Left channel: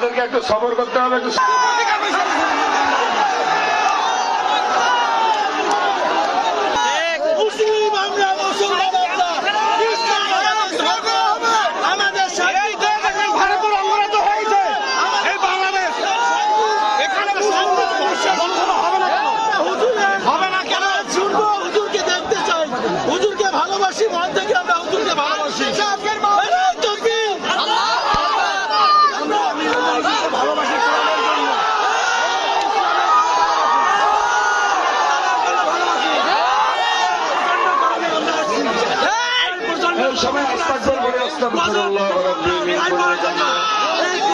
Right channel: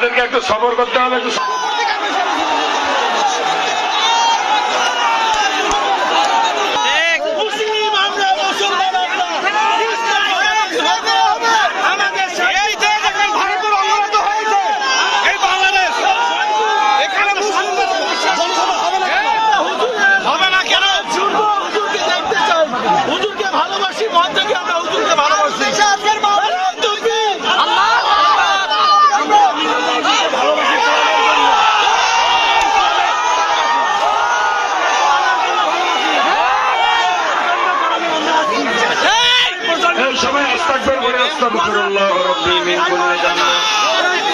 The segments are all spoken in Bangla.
আমাদেরকে একটু সবর করতে হবে, একটু সবাই আস্তাগফির বলে আস্তাগফিরুল্লাহ রাব্বি মিন কুল্লি যামব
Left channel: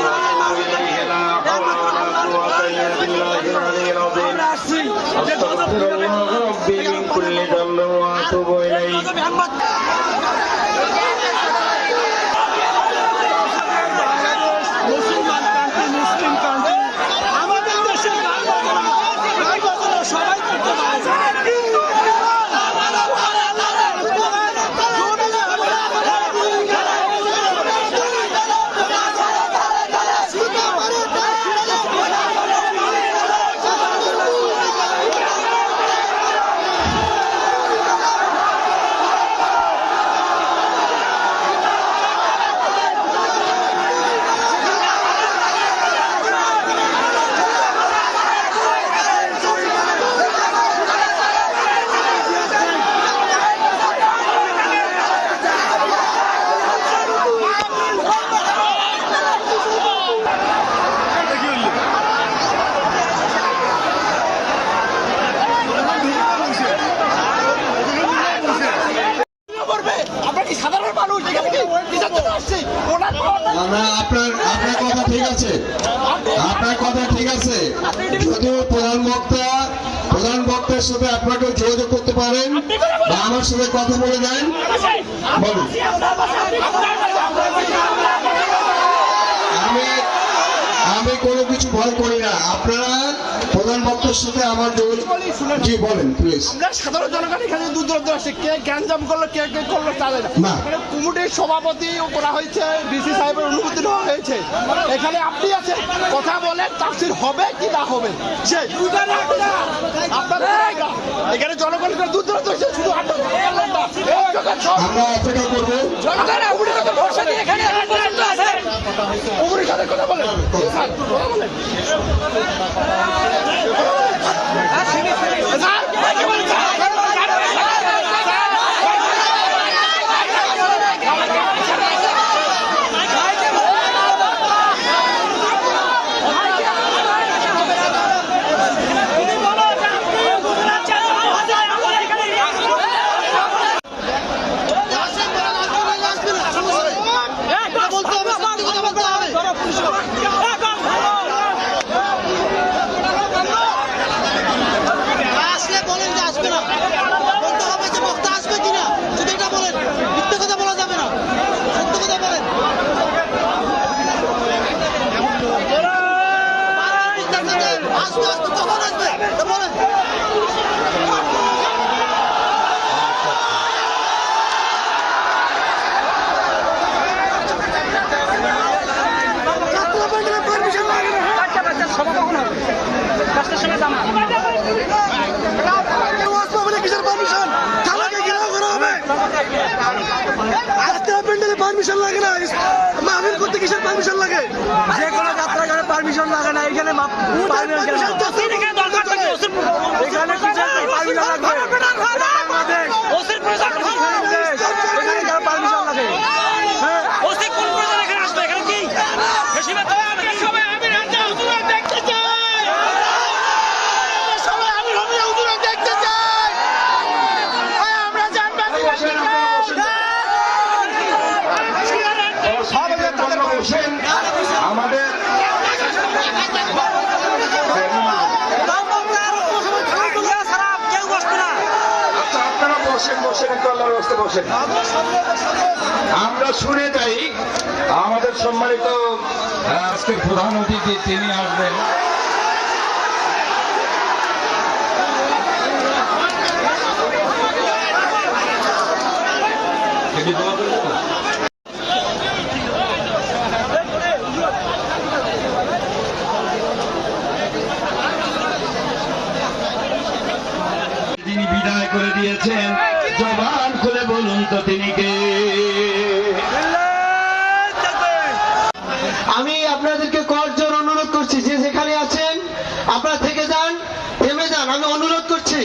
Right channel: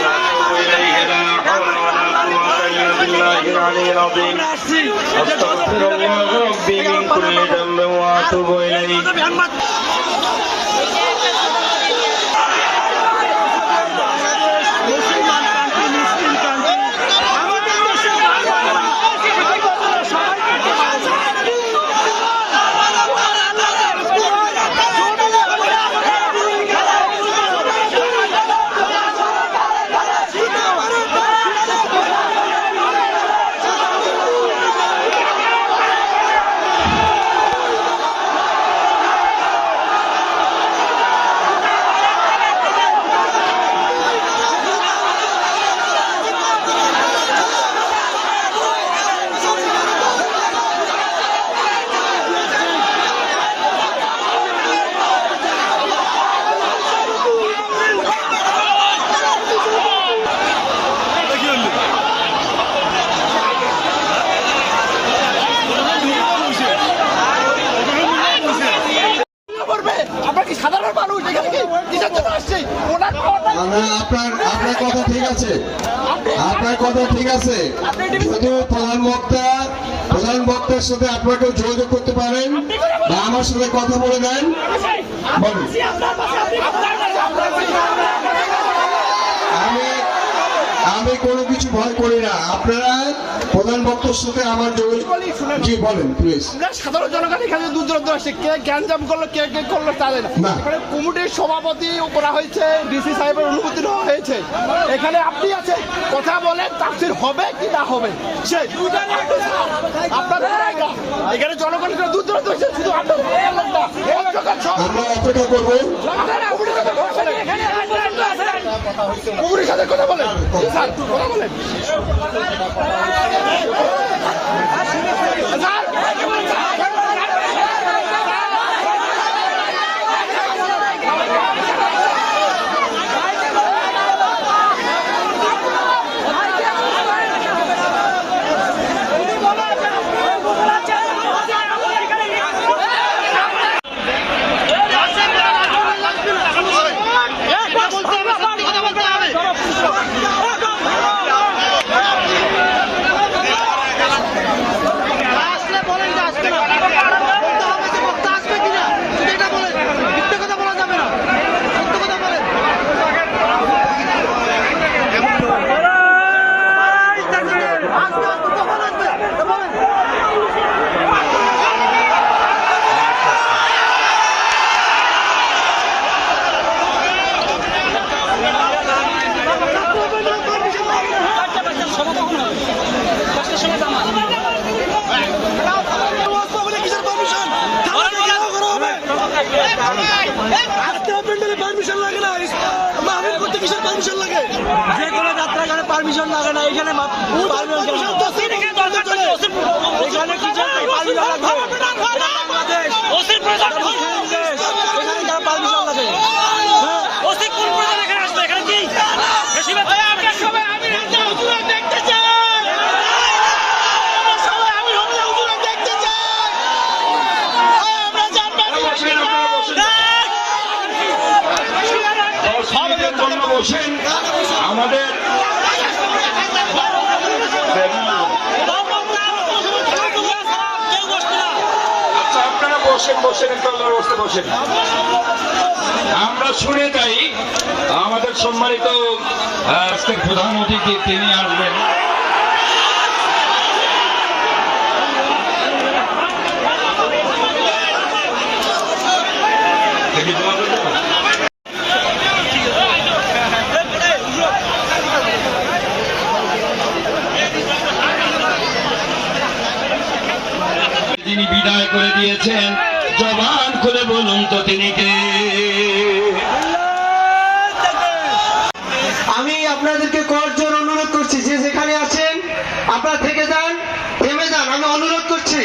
ওয়া আতুবু ইলাইহি লা হাওলা ওয়া লা কুওয়াতা ইল্লা বিল্লাহিল আলিয়্যিল আযীম আস্তাগফিরুল্লাহ রাব্বি মিন কুল্লি যামব ওয়া আতুবু ইলাইহি সাধারণ মানুষ এখানে কিসের জন্য আসছে? আপনার কথা ঠিক আছে, আপনার কথা ঠিক আছে। যদি প্রধান বক্তার সাথে আপনাকেও যোগাযোগ করতে পারেন বা আমার সাথে কথা বলে দেন, বলুন। আমি কোনো কিছু ভয় করি না। আপনারা প্রধান বক্তার সাথে আমার জি বলেন প্লিজ। আমরা সাধারণ জনগণ এখানে দূর দূরান্ত আসছে, কে গ্যাঞ্জাম করলো কে করলো তা জানে না। এখানে কমিটির সভাপতি করা হয়েছে, ডিসি সাহেবের অনুমতি নেওয়া হয়েছে। এখানে আপনি আছেন, কথা বলেন, তাফসীর হবে কি না হবে সেই আপনাদের এখানে জনগণ দূর দূরান্ত হয়েছে, শুধু আপনার লোকটা আমরা অপেক্ষা করবো। কমিটির সাথে কথা বলেন, কথা বলেন। পারমিশন লাগে না, মাহফিল করতে কিসের পারমিশন লাগে? যে কোনো যাত্রা এখানে পারমিশন লাগে না। এখানে পারমিশন লাগে। আমাদের আমরা শুনে যাই আমাদের সম্মানিত আজকের প্রধান অতিথি তিনি আসবেন। দিয়েছেন, জবান খুলে বলুন তো তিনি কে? আমি আপনাদেরকে করজোর অনুরোধ করছি, যে যেখানে আছেন আপনারা থেকে যান, থেমে যান। আমি অনুরোধ করছি,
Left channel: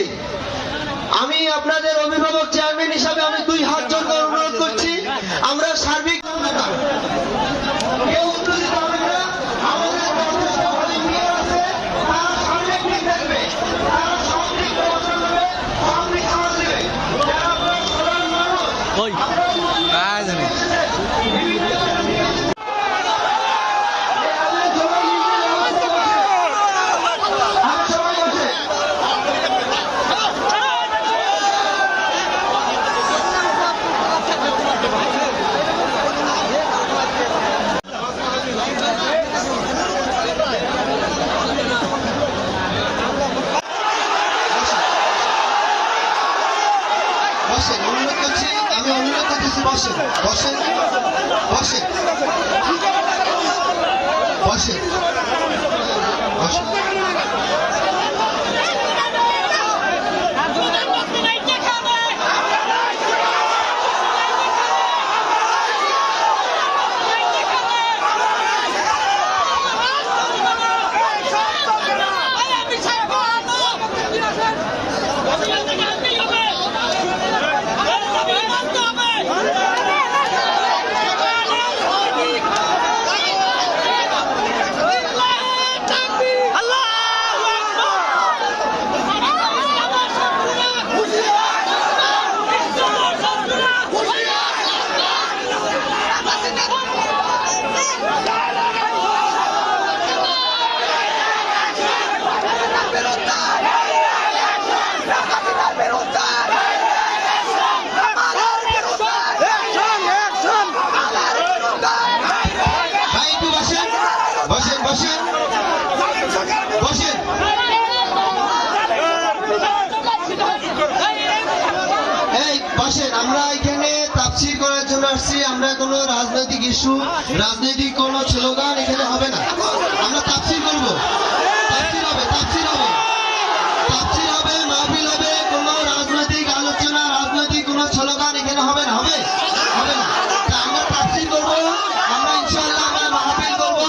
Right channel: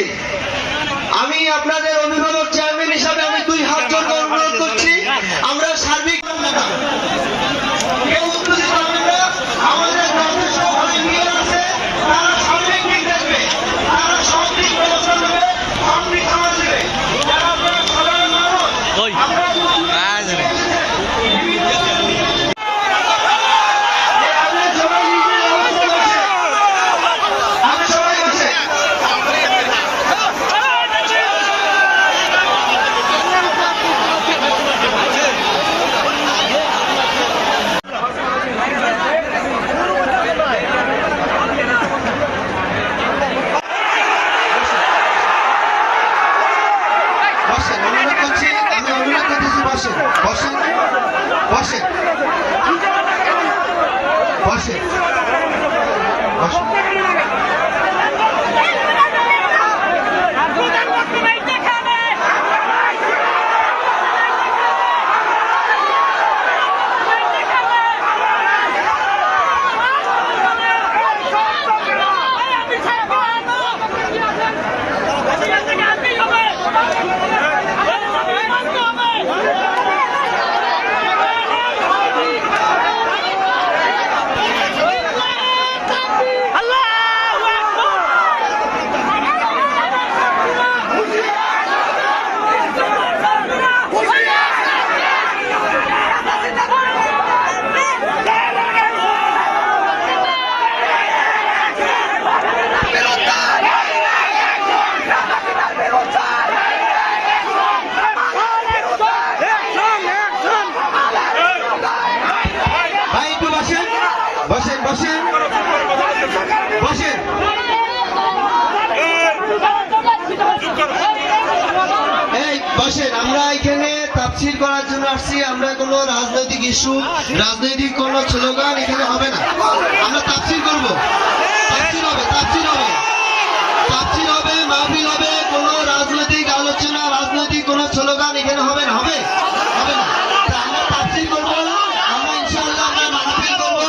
আমি আপনাদের অভিভাবক চেয়ারম্যান হিসাবে আমি 2 হাত জোর করে অনুরোধ করছি, আমরা সার্বিক কেউ উত্তেজিত হবেন না। আমাদের গ্রামে সব ইঞ্জিনিয়ার আছে, তারা সার্বিক দিক দেখবে, তারা সব দিক প্রচার করবে, সব দিক সমাজ দেবে। যারা আপনারা সাধারণ মানুষ, আমরা আমরা এখানে তাফসীর করার জন্য আসছি। আমরা কোনো রাজনৈতিক ইস্যু, রাজনৈতিক কোনো স্লোগান এখানে হবে না। আমরা তাফসীর করব, তাফসীর হবে, মাহফিল হবে। কোনো রাজনৈতিক আলোচনা, রাজনৈতিক কোনো স্লোগান এখানে হবে না, হবে না। তা আমরা তাফসীর করব, আমরা ইনশাআল্লাহ আমরা মাহফিল করব,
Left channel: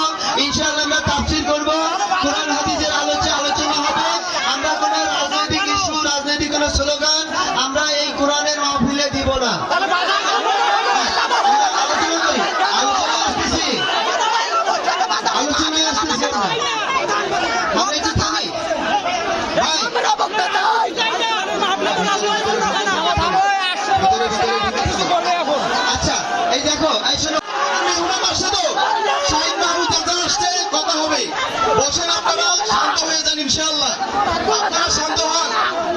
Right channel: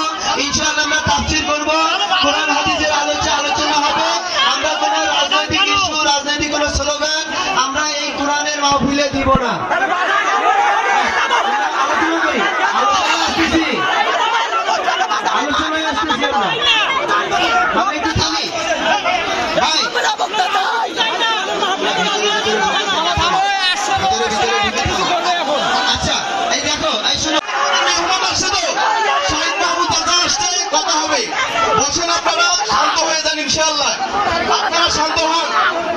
ইনশাআল্লাহ আমরা তাফসীর করব, কোরআন হাদিসের আলোচনা হবে। আমরা কোনো রাজনৈতিক ইস্যু, রাজনৈতিক কোনো স্লোগান আমরা এই কোরআনের মাহফিলে দিব না। আলোচনায় আসতেছি আমরা। আচ্ছা, এই দেখো, এই শোনো, আসছে তো শহীদ মাহমুদ চাচা আসছে, কথা হবে। বসেন, আপনারা শান্ত হয়ে যান ইনশাআল্লাহ। আপনারা শান্ত হন,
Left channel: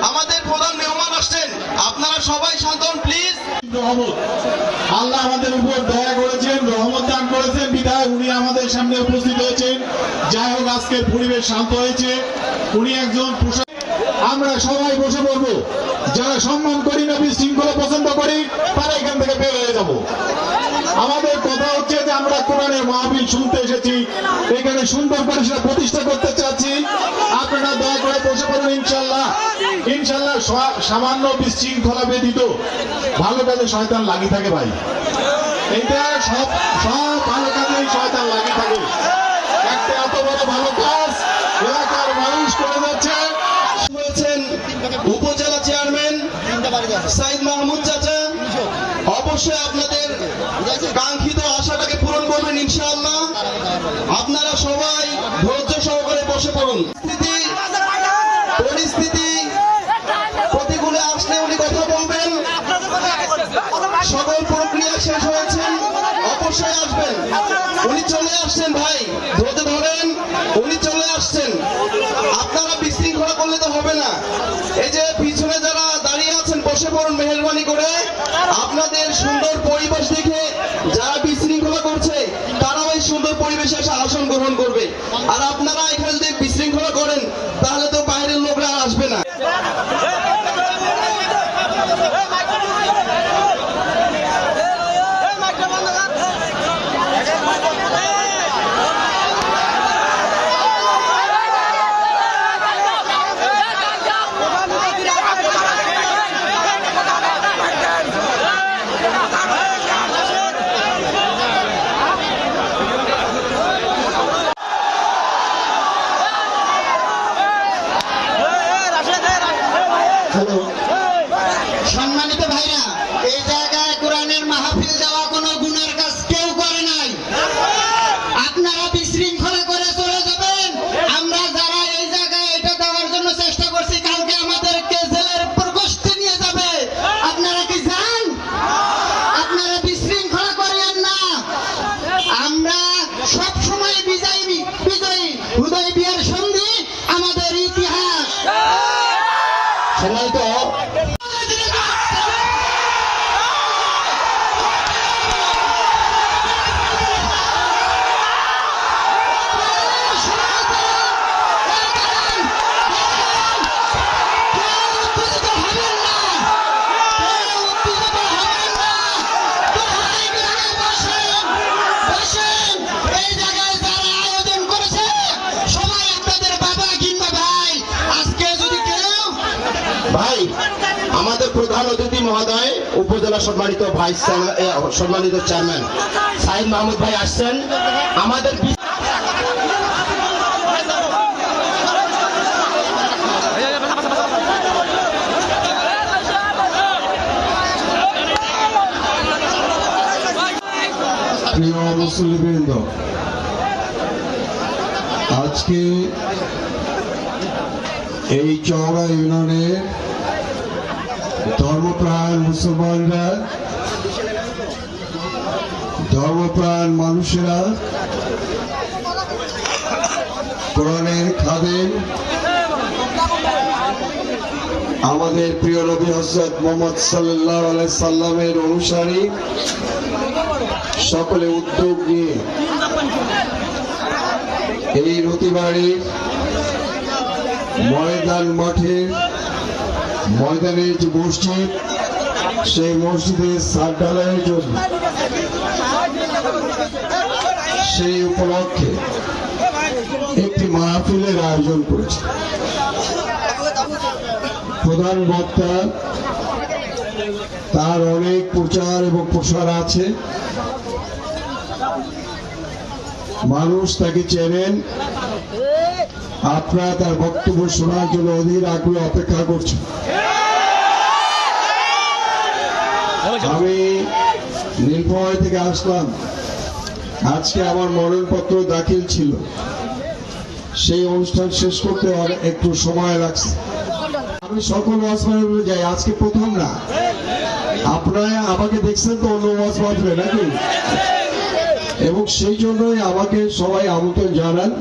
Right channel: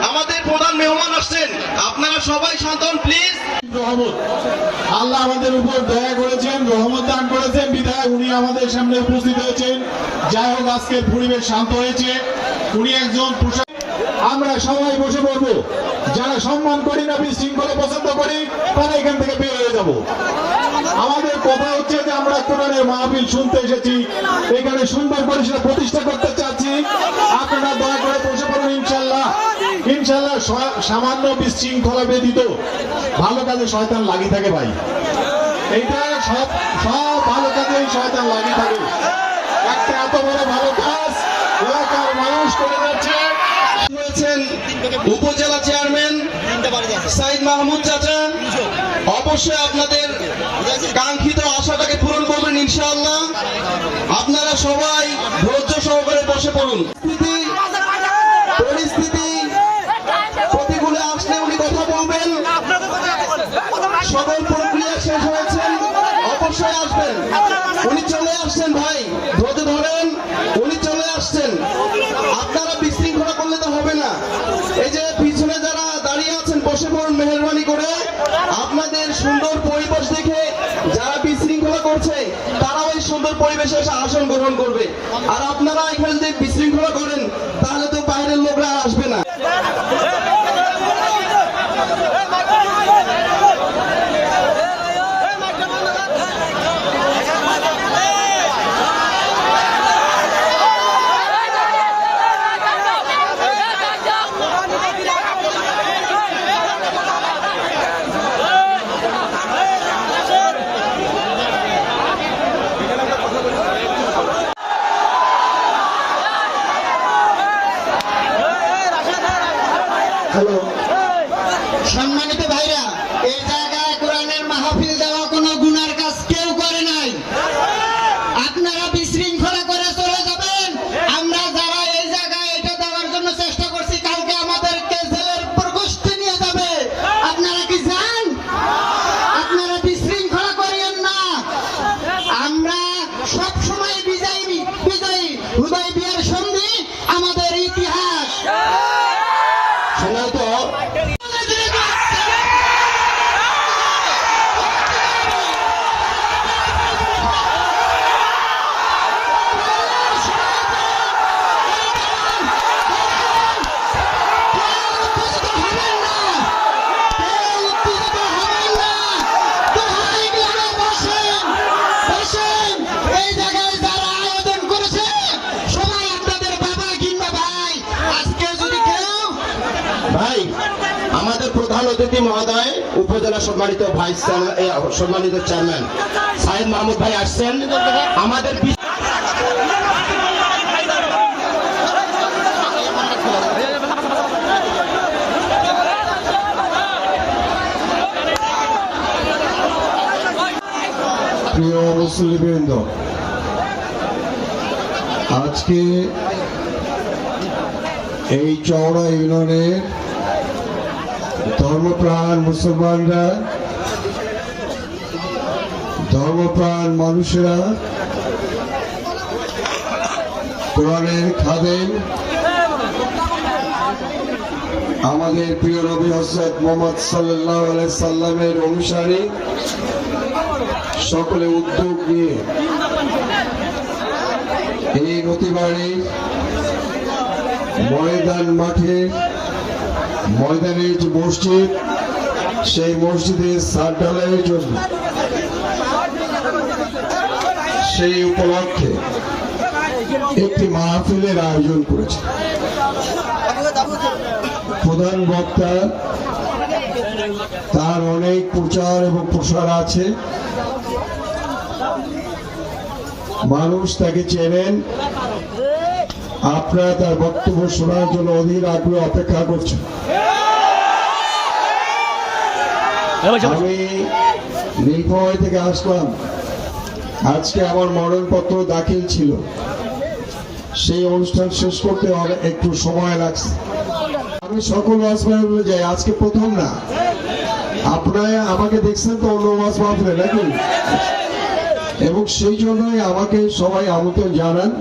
আমাদের প্রধান মেহমান আসছেন, আপনারা সবাই শান্ত হন প্লিজ। আল্লাহ আমাদের উপর দয়া করেছেন, রহমত দান করেছেন, বিধায় উনি আমাদের সামনে উপস্থিত হয়েছেন। যাই হোক, আজকের পরিবেশ শান্ত হয়েছে। উনি একজন আমরা সবাই বসে পড়বো। যারা সম্মান করি না, বিশৃঙ্খলা পছন্দ করি, তারা এখান থেকে বের হয়ে যাব। আমাদের কথা হচ্ছে যে আমরা কোরআনের মাহফিল শুনতে এসেছি, এখানে সুন্দর পরিষেবা প্রতিষ্ঠা করতে চাচ্ছি। আপনারা দয়া করে বসে পড়ুন ইনশাল্লাহ। সামান্য বিশৃঙ্খলা ব্যতীত ভালো কাজে শয়তান লাগি থাকে ভাই। এইটা সব ভালো কাজেই শয়তান লাগি থাকে। একটা এত বড় ভালো কাজ এলাকার মানুষ করে যাচ্ছে। উপজেলা চেয়ারম্যান সাইদ মাহমুদ চাচা অবশ্যই আপনাদের কাঙ্ক্ষিত আশাটাকে পূরণ করবেন ইনশাআল্লাহ। আপনারা সবাই ধৈর্য সহকারে বসে পড়ুন। পরিস্থিতি প্রতিকূলে আসলে উনি কথা বলবেন। সকল প্রক্রিয়া শেষ হয়েছে, অবশ্যই আসবেন। উনি চলে আসছেন ভাই, ধৈর্য ধরেন, উনি চলে আসছেন। আপনারা বিশৃঙ্খলা করলে তো হবে না। এই যে পিছনে যারা দাঁড়িয়ে আছেন, বসে পড়ুন মেহেরবানি করে। আপনাদের সুন্দর পরিবেশ দেখে যারা বিশৃঙ্খলা করছে, তারাও এই সুন্দর পরিবেশে এসে আসন গ্রহণ করবে। আর আপনারা এখানে যদি বিশৃঙ্খলা করেন, তাহলে তো বাইরের লোকরা আর আসবে না। মাহফিল দেওয়া কোনো গুনার কাজ কেউ করে নাই। আপনারা বিশৃঙ্খলা করে চলে যাবেন। আমরা যারা এই জায়গায় এটা দেওয়ার জন্য চেষ্টা করছি, কালকে আমাদেরকে জেলের প্রকোষ্ঠে নিয়ে যাবে। আপনারা কি জান? আপনারা বিশৃঙ্খলা করিয়েন না। আমরা সব সময় বিজয়ী হুদায়বিয়ার সন্ধি আমাদের ইতিহাস। সেটাই তো ভাই, আমাদের প্রধান অতিথি মহোদয় উপজেলা সম্মানিত সম্মানিত চেয়ারম্যান সাহেব মাহমুদ ভাই আসছেন। আমাদের প্রিয় মুসল্লিবৃন্দ, আজকে এই চওড়া ইউনিয়নের ধর্মপ্রাণ মুসলমানরা, ধর্মপ্রাণ মানুষেরা, কোরআনের খাদেম, আমাদের প্রিয় নবী হযরত মুহাম্মদ সাল্লাল্লাহু আলাইহি সাল্লামের অনুসারী সকলে উদ্যোগ নিয়ে এই নদীবাড়ির ময়দান মাঠের ময়দানে যে মসজিদ, সেই মসজিদের ছাদ ঢালাইয়ের জন্য সেই উপলক্ষে একটি মাহফিলের আয়োজন করেছে। প্রধান বক্তা, তার অনেক প্রচার এবং প্রসার আছে, মানুষ তাকে চেনেন। আপনারা তার বক্তব্য শোনার জন্য অধীর আগ্রহে অপেক্ষা করছেন। আমি নীলফামারী থেকে আসলাম। আজকে আমার মনোনয়নপত্র দাখিল ছিল। সেই অনুষ্ঠান শেষ করতে একটু সময় লাগছে। আমি সকল ওয়াজ মাহফিলে যাই, আজকে প্রথম না। আপনারা আমাকে দেখছেন তো অন্য ওয়াজ মাহফিলে নাকি? এবং সেই জন্যই আমাকে সবাই আমন্ত্রণ জানান।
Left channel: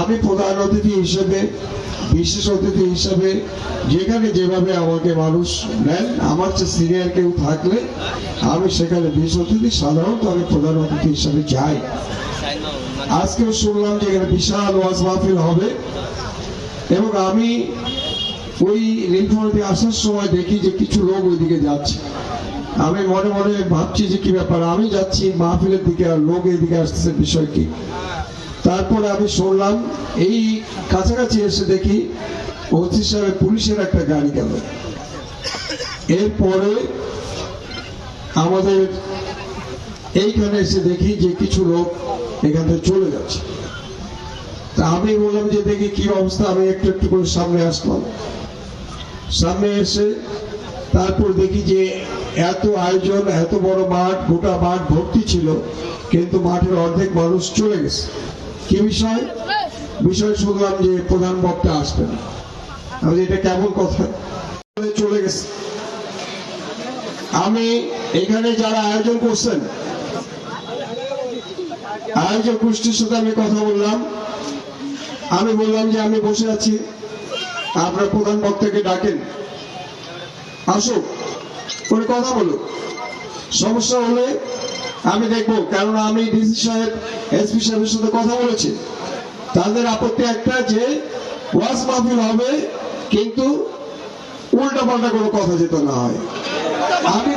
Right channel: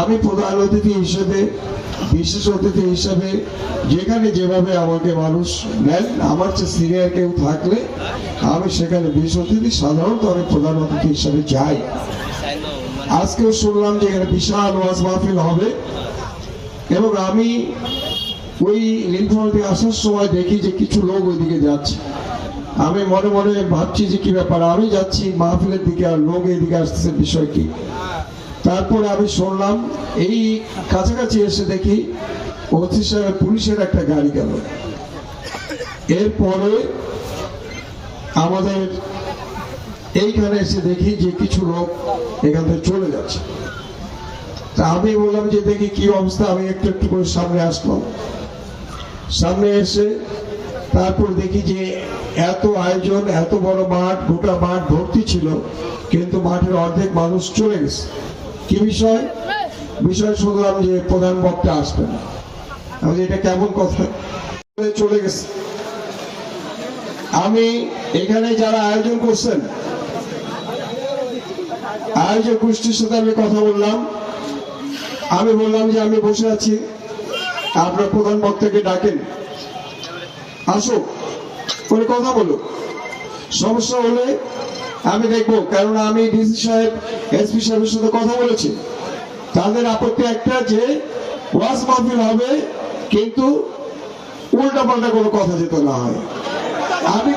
আমি প্রধান অতিথি হিসেবে, বিশেষ অতিথি হিসেবে, যেখানে যেভাবে আমাকে মানুষ নেন, আমার চেয়ে সিনিয়র কেউ থাকলে আমি সেখানে বিশেষ অতিথি, সাধারণত আমি প্রধান অতিথি হিসেবে যাই। আজকেও শুনলাম যে এখানে বিশাল ওয়াজ মাহফিল হবে, এবং আমি ওই নীলফামারী থেকে আসার সময় দেখি যে কিছু লোক ওইদিকে যাচ্ছে। আমি মনে মনে ভাবছি যে কি ব্যাপার, আমি যাচ্ছি মাহফিলের দিকে আর লোক এইদিকে আসতেছে, বিষয় কি? তারপরে আমি শুনলাম, এই কাছাকাছি এসে দেখি ওসি সাহেব পুলিশের একটা গাড়ি গেল। এরপরে আমাদের এইখানে এসে দেখি যে কিছু লোক এখান থেকে চলে যাচ্ছে। তা আমি বললাম যে দেখি কি অবস্থা। আমি একটু একটু করে সামনে আসলাম। সামনে এসে তারপর দেখি যে এত আয়োজন, এত বড় মাঠ, গোটা মাঠ ভর্তি ছিল, কিন্তু মাঠের অর্ধেক মানুষ চলে গেছে। কি বিষয়? বিষয় শুনলাম যে প্রধান বক্তা আসবেন। আমি এটা কেমন কথা, চলে গেছে। আমি এখানে যারা আয়োজন করছেন, আয়োজক গোষ্ঠীর সাথে আমি কথা বললাম। আমি বললাম যে আমি বসে আছি, আপনার প্রধান বক্তাকে ডাকেন, আসুক, ওই কথা বলো। সমস্যা হলে আমি দেখবো, কারণ আমি ডিসি সাহেব, এসপি সাহেবের সাথে কথা বলেছি। তাদের আপত্তি একটা যে ওয়াজ মাহফিল হবে, কিন্তু উল্টা পাল্টা কোনো কথা যেতে না হয়। আমি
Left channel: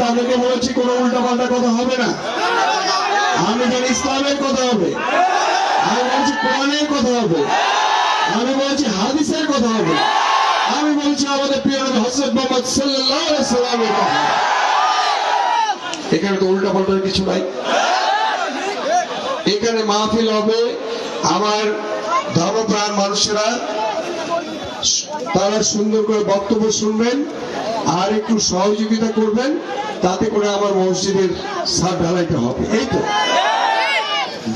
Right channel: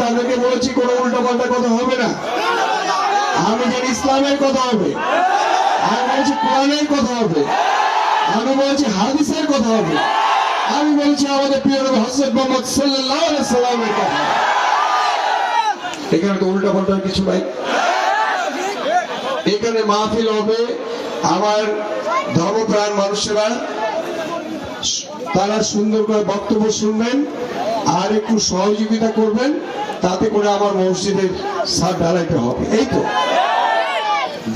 তাদেরকে বলেছি কোনো উল্টা পাল্টা কথা হবে না। আমি জানি ইসলামের কথা হবে, আমি বলছি কোরআনের কথা হবে, আমি বলছি হাদিসের কথা হবে, আমি বলছি আমাদের প্রিয় নবী হযরত মুহাম্মদ সাল্লাল্লাহু আলাইহি সাল্লামের কথা। এখানে তো উল্টা পাল্টার কিছু নাই। এখানে মাহফিল হবে, আমার ধর্মপ্রাণ মানুষেরা তারা সুন্দর করে বক্তব্য শুনবেন, আর একটু সহযোগিতা করবেন, তাতে করে আমার মসজিদের ছাদ ঢালাইতে হবে। এই তো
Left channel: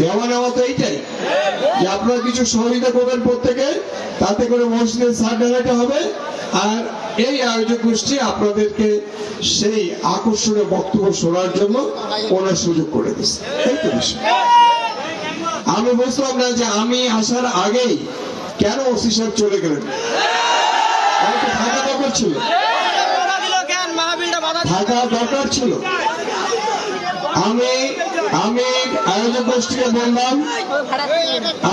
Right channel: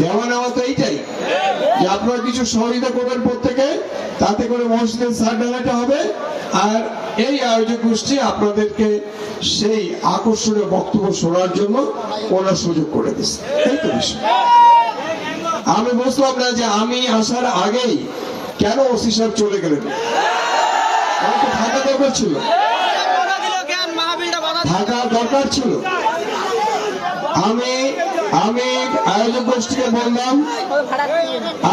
দেওয়া নেওয়া তো এইটাই, যে আপনারা কিছু সহযোগিতা করবেন প্রত্যেকে, তাতে করে মসজিদের ছাদ ঢালাইতে হবে। আর এই আয়োজক গোষ্ঠী আপনাদেরকে সেই আকর্ষণীয় বক্তব্য শোনার জন্য ওনার সুযোগ করে দিচ্ছে। এই তো বিষয়। আমি বুঝলাম না যে আমি আসার আগেই কেন ওসি সাহেব চলে গেলেন। আমার তো থাকা দরকার ছিল, থাকা দরকার ছিল। আমি আয়োজক গোষ্ঠীকে বললাম,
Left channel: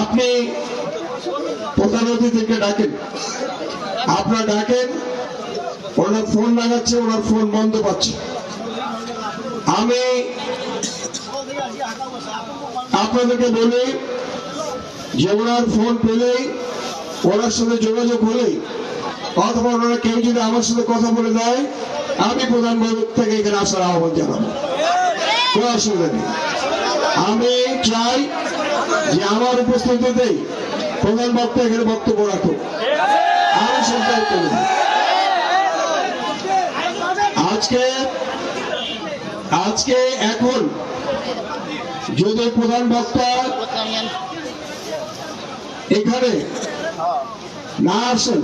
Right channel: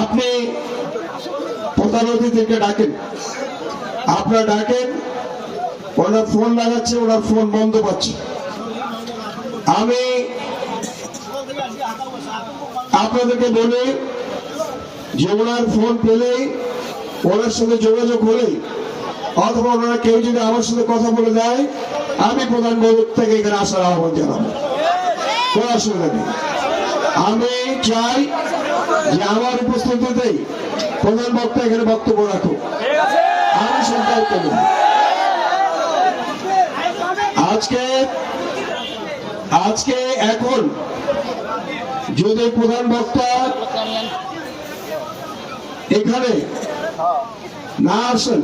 আপনি প্রধান অতিথিকে ডাকেন। আপনারা ডাকেন, ওনার ফোন লাগাচ্ছে, ওনার ফোন বন্ধ পাচ্ছে। আমি আপনাদেরকে বলি যে ওনার ফোন পেলেই, ওনার সাথে যোগাযোগ হলেই, অথবা ওনারা কেউ যদি আমার সাথে কথা বলে দেয়, আমি প্রধান বক্তাকে এখানে আসার আহ্বান জানাবো, কোনো অসুবিধা নেই। আমি চাই যে আমার উপস্থিতিতেই প্রধান বক্তা এখানে বক্তব্য রাখুক, আমি সব দায়িত্ব নেব। আজকে এখন যদি প্রধান বক্তা এখানে না আসেন,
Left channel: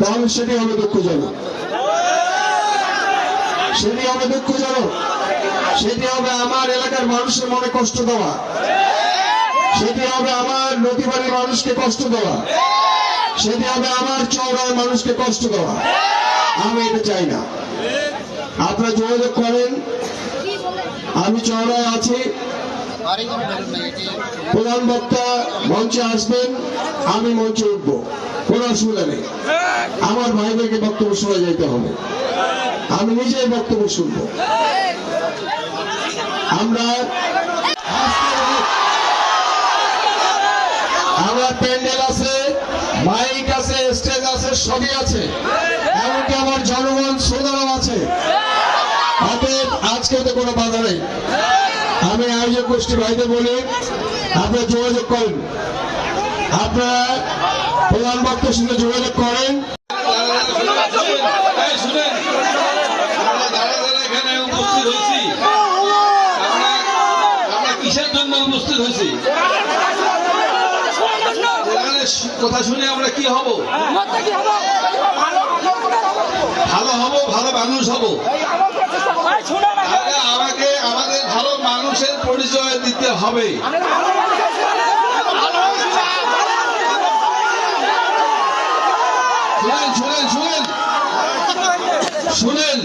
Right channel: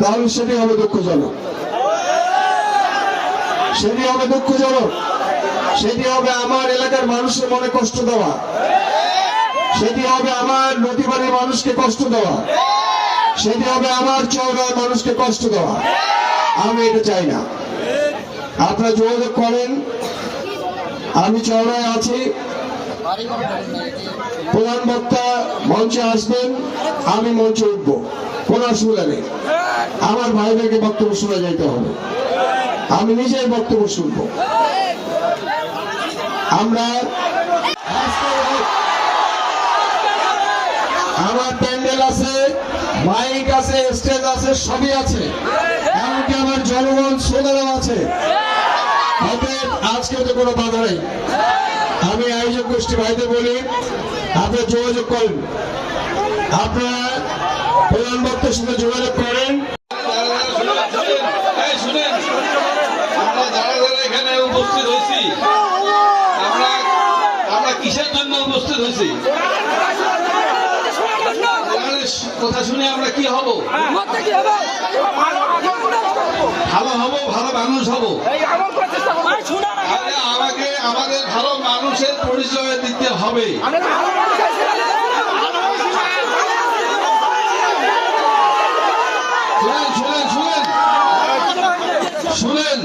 তাহলে সেটি হবে দুঃখজনক, সেটি হবে দুঃখজনক, সেটি হবে আমার এলাকার মানুষের মনে কষ্ট দেওয়া, সেটি হবে আমার নদীবাড়ির মানুষকে কষ্ট দেওয়া, সেটি হবে আমার চওড়ার মানুষকে কষ্ট দেওয়া। আমি এটা চাই না। আপনারা যোগাযোগ করেন, আমি চওড়ায় আছি, প্রধান বক্তা মঞ্চে আসবেন, আমি মঞ্চে উঠব, কোনো অসুবিধা নেই। আমার ভাইদেরকে বক্তব্য শোনা যাইতে হবে, আমি নিজেই বক্তব্য শুনব। আমরা আমার প্যান্ডেল আছে, মাইক আছে, স্টেজ আছে, সবই আছে, এমনকি আমার জনগণ শ্রোতারাও আছে। অতএব আজকে তো কোনো বাধা নেই। আমি আয়োজক গোষ্ঠী ভাইদের বলি, আপনারা যোগাযোগ করেন, আপনারা প্রধান বক্তার সঙ্গে যোগাযোগ করেন। এখানে উপস্থিত হয়েছি, আমরা কিসের জন্য উপস্থিত হয়েছি? কথা শুনে আমরা কি হব? ভালো হব, ভালো মানুষ হব। আমাকে আমাদের ভালো মানুষের পরিচয় দিতে হবে। শুনেন শুনেন শুনেন শুনেন,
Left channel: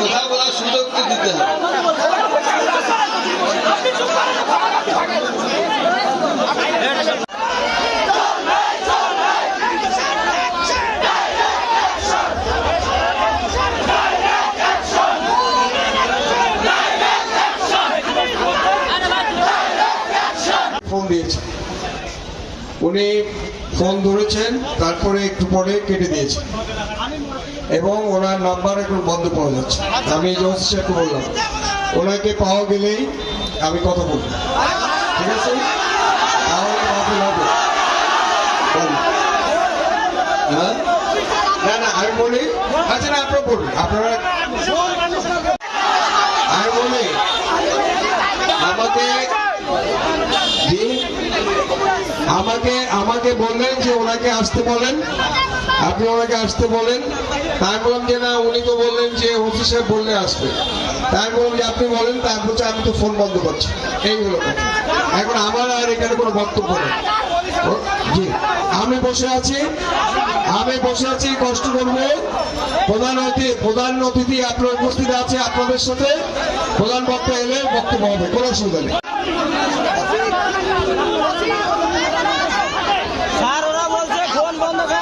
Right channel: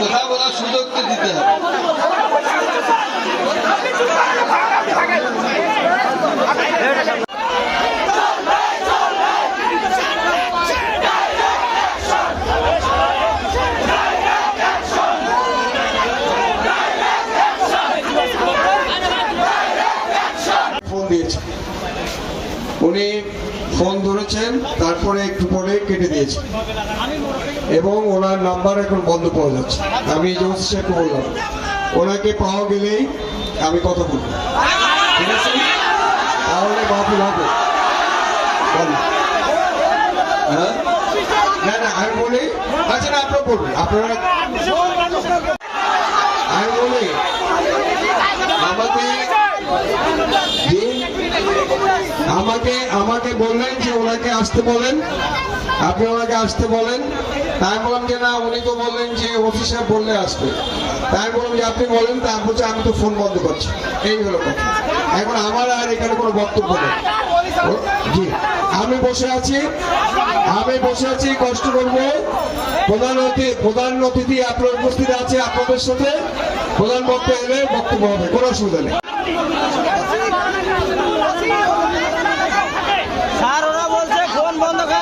কথা বলার সুযোগ তো দিতে হবে। ফোন দিয়েছে, উনি ফোন ধরেছেন, তারপরে একটু পরে কেটে দিয়েছে এবং ওনার নাম্বার এখন বন্ধ পাওয়া যাচ্ছে। আমি ওসি সাহেবকে বললাম, ওনাকে পাওয়া গেলেই আমি কথা বলবো, ঠিক আছে? তাহলে মাহফিল হবে। হ্যাঁ, না না, আমি বলি, আচ্ছা না, আপনারা বলবেন, আপনারা, আমি বলি আমাকে বললেন যে ওনাকে আসতে বলেন, আপনি ওনাকে আসতে বলেন। তাই বললাম যে না, উনি তো বললেন যে ওসি সাহেব বললে আসবে। তাই বললাম যে আপনি বলেন, তার বলছে আমি তো ফোন বন্ধ করছি। এই হলো কথা। এখন আমার আর এখানে কোনো বক্তব্য নেই। জি, আমি বসে আছি, কষ্ট করবো। প্রধান অতিথি আপনার উপস্থিত আছে, আপনাদের সাথে প্রধান বক্তা এলে বক্তব্য হবে, কোনো অসুবিধা নেই। স্যার ওরা বলছে ফোন বন্ধ কর।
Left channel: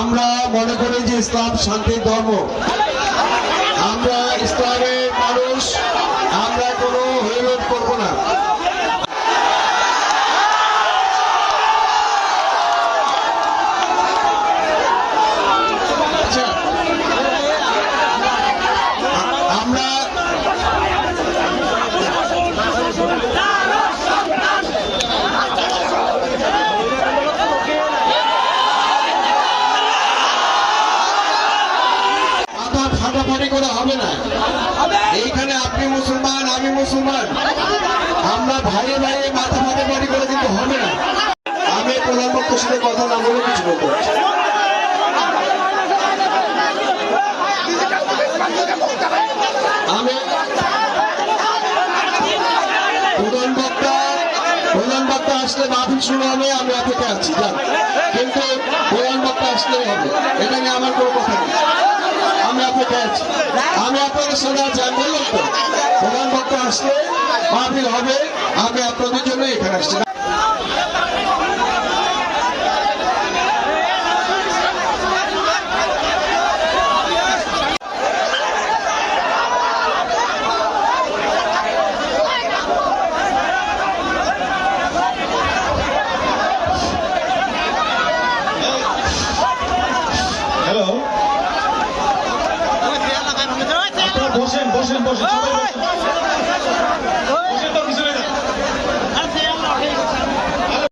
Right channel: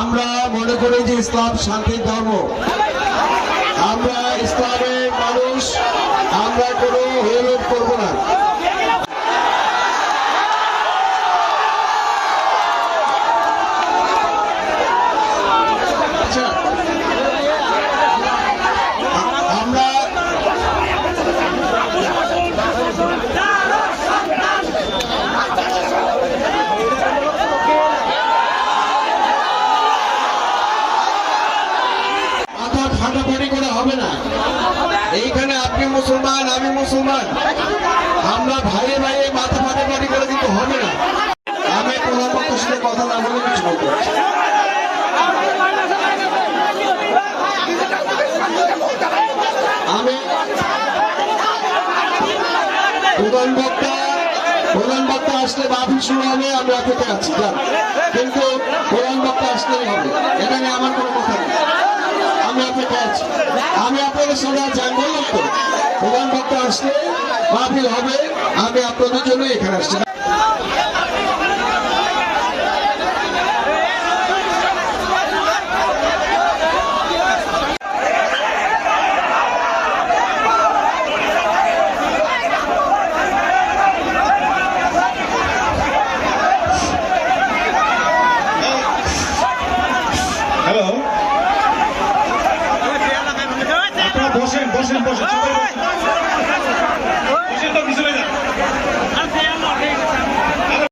আমরা মনে করি যে ইসলাম শান্তির ধর্ম। আমরা ইসলামের মানুষ, আমরা কোনো হইরোধ করবো না। আচ্ছা, আমরা মাথা ফাটাফাটি করে হবে না। এইখানে আপনি মুসলমান, আমি মুসলমান, আমরা ভাইয়ে ভাইয়ে মাথা ফাটাফাটি করে কিন্তু হবে না। আমি প্রধান বক্তার সাথে কথা না বলে কিছু বলতে চাই। আমি প্রধান বক্তা আসলে মাহফিল শুরু হবে, আমি অপেক্ষা আছি, কিন্তু প্রধান বক্তা আসলেই হবে, এটা নিয়ে আমার কোনো কথা নেই। আমি অপেক্ষা আছি, আমি আপনাদের সঙ্গে চাই, বললাম তো প্রধান বক্তা আসলে মাহফিল হবে, আমি আপনাদের জন্য এখানে আসছি। বসেন বসেন বসেন।